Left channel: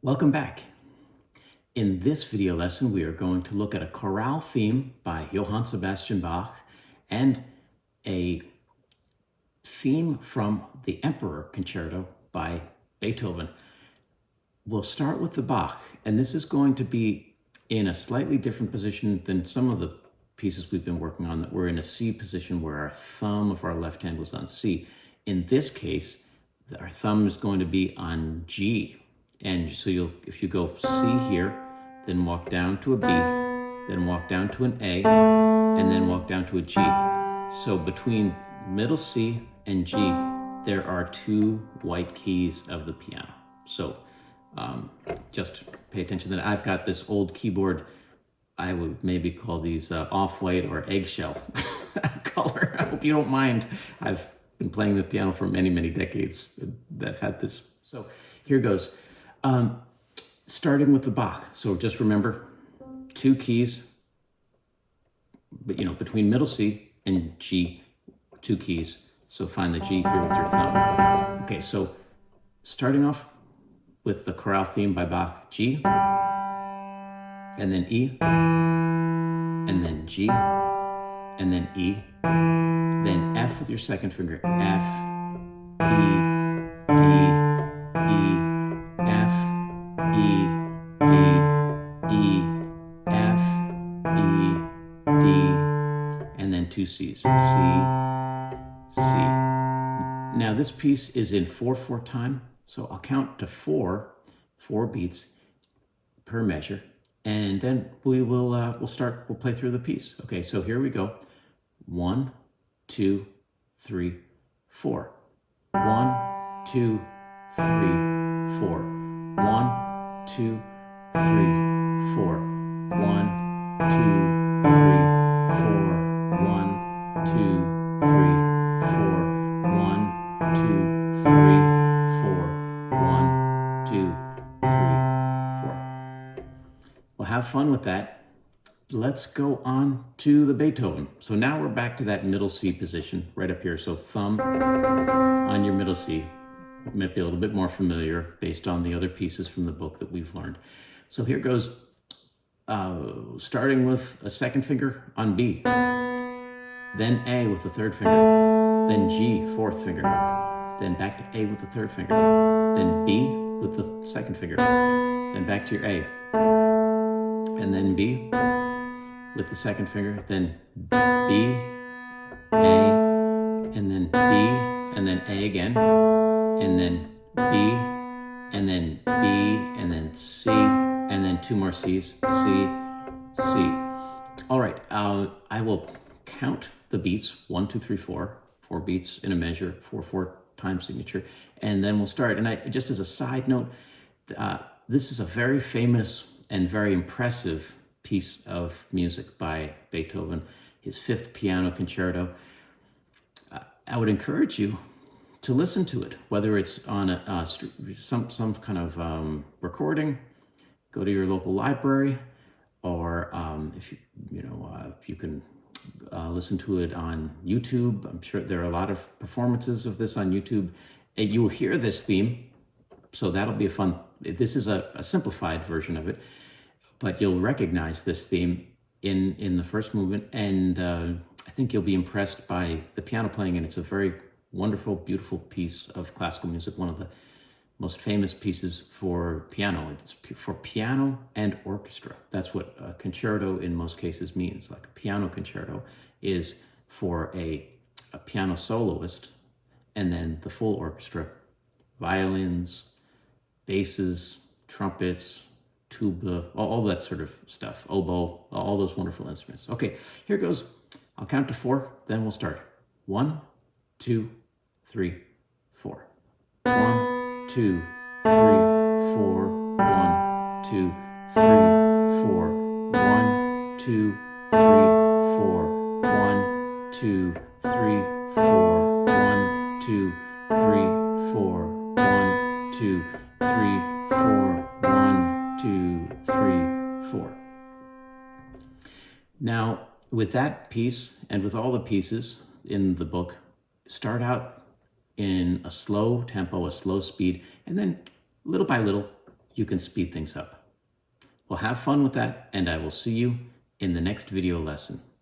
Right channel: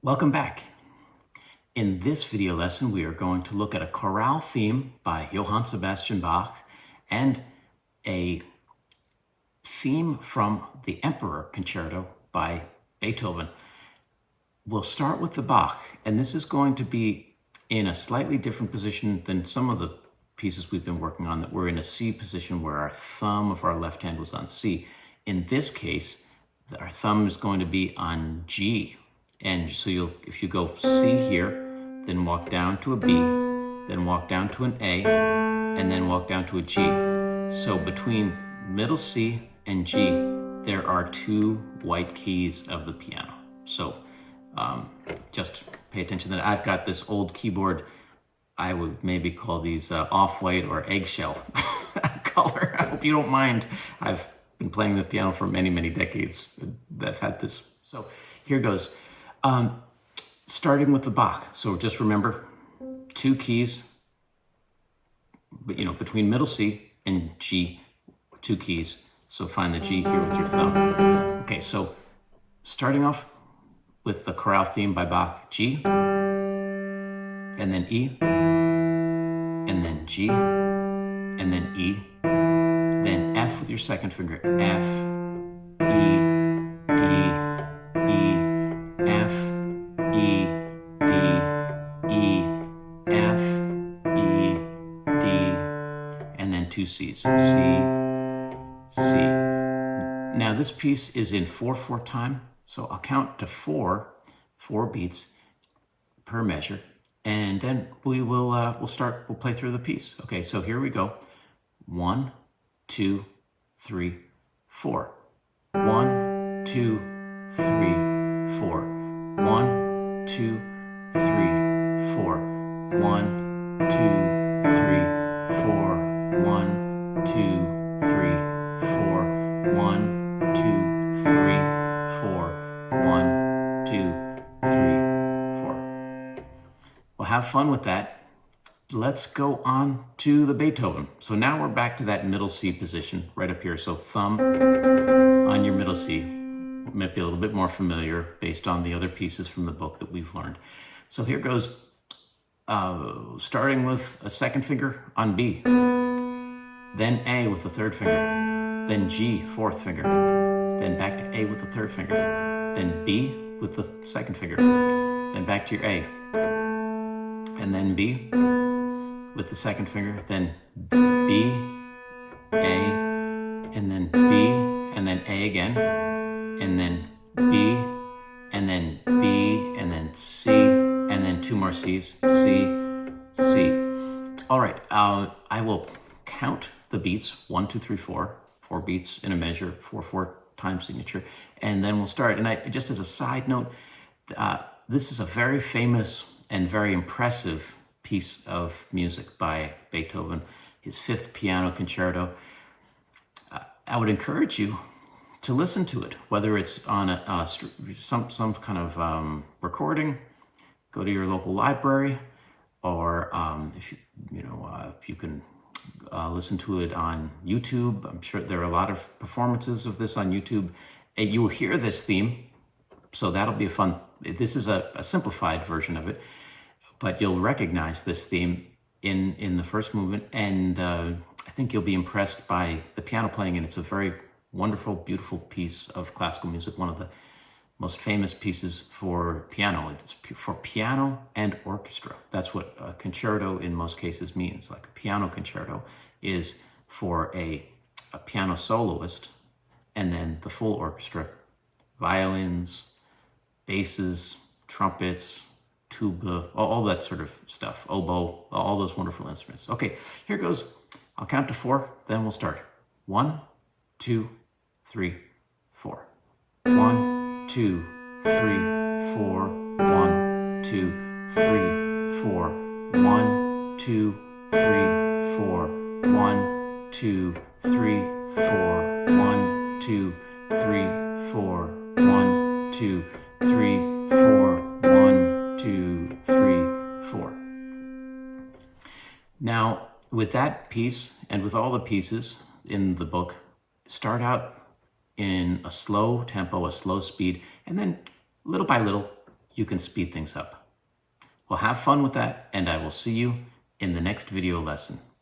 Welcome back. In this video lesson, we are going to look at a chorale theme by Johann Sebastian Bach and a theme from the Emperor Concerto by Beethoven. We'll start with the Bach, and this is going to be in a slightly different position than some of the pieces we've been working on, that we're in a C position where our thumb of our left hand was on C. In this case, our thumb is going to be on G. And so if you go C here, then walk down to a B, then walk down to an A, and then walk down to a G. So between middle C and G, there are two white keys of the piano. So just pay attention that I've got this old keyboard. I would maybe call these off-white or eggshell color. I hope you don't mind. I've been playing the piano for many, many decades. I've had this. So here goes. Starting with the Bach. So just remember, two keys, but between middle C and G, two keys. So find the G here with your thumb. Okay, so starting off with the chorale theme by Bach, G, and then E, and then G, and then E, then F with your second finger, F, E, D, E, F, E, D, E, F, E, D, and then two C's, C, C. Now this piece is in 4/4 time, so I'll count to four beats per measure, and then we'll play through the piece. Okay, so here we go. 1, 2, 3, 4. 1, 2, 3, 4. 1, 2, 3, 4. 1, 2, 3, 4. 1, 2, 3, 4. 1, 2, 3, 4. 1, 2, 3, 4. Well, have fun with that. Let's go on to the Beethoven. So now we're back to that middle C position right up here. So thumb on your middle C. Might be a little bit more familiar based on the other pieces from the book that we've learned. So here goes, starting with a second finger on B, then A with the third finger, then G, fourth finger, then back to A with the third finger, then B with the second finger, then back to your A, and then B with the second finger, then B, A, and then B, and then A again, and then B, and then B, and then C, and then two more C's, C, C. All right, I will count the beats, 1, 2, 3, 4, 4 beats in a measure, 4/4 time signature, and then we'll start. And just as a side note, this is a very famous and very impressive piece of music by Beethoven, his 5th piano concerto. I would encourage you to listen to it, whether it's on some kind of recording. Go to your local library, or if you can listen to it on YouTube. I'm sure there are a lot of performances of this on YouTube, and you will hear this theme. So that'll be a fun. This is a simplified version of it, but you'll recognize this theme in the first movement, and I think you'll be impressed by the piano playing, and it's a very wonderful, beautiful piece of classical music, one of the most famous pieces for piano. It's for piano and orchestra. That's what a concerto in most cases means. Like a piano concerto is for a piano soloist, and then the full orchestra, violins, basses, trumpets, tuba, all that sort of stuff, oboe, all those wonderful instruments. Okay, here goes. I'll count to 4, then we'll start. 1, 2, 3, 4. 1, 2, 3, 4. 1, 2, 3, 4. 1, 2, 3, 4. 1, 2, 3, 4. 1, 2, 3, 4. 1, 2, 3, 4. 1, 2, 3, 4. Now, with that piece and with all the pieces in the book, start out in a slow tempo, a slow speed, and then little by little you can speed things up. Well, have fun with that, and I will see you in the next video lesson.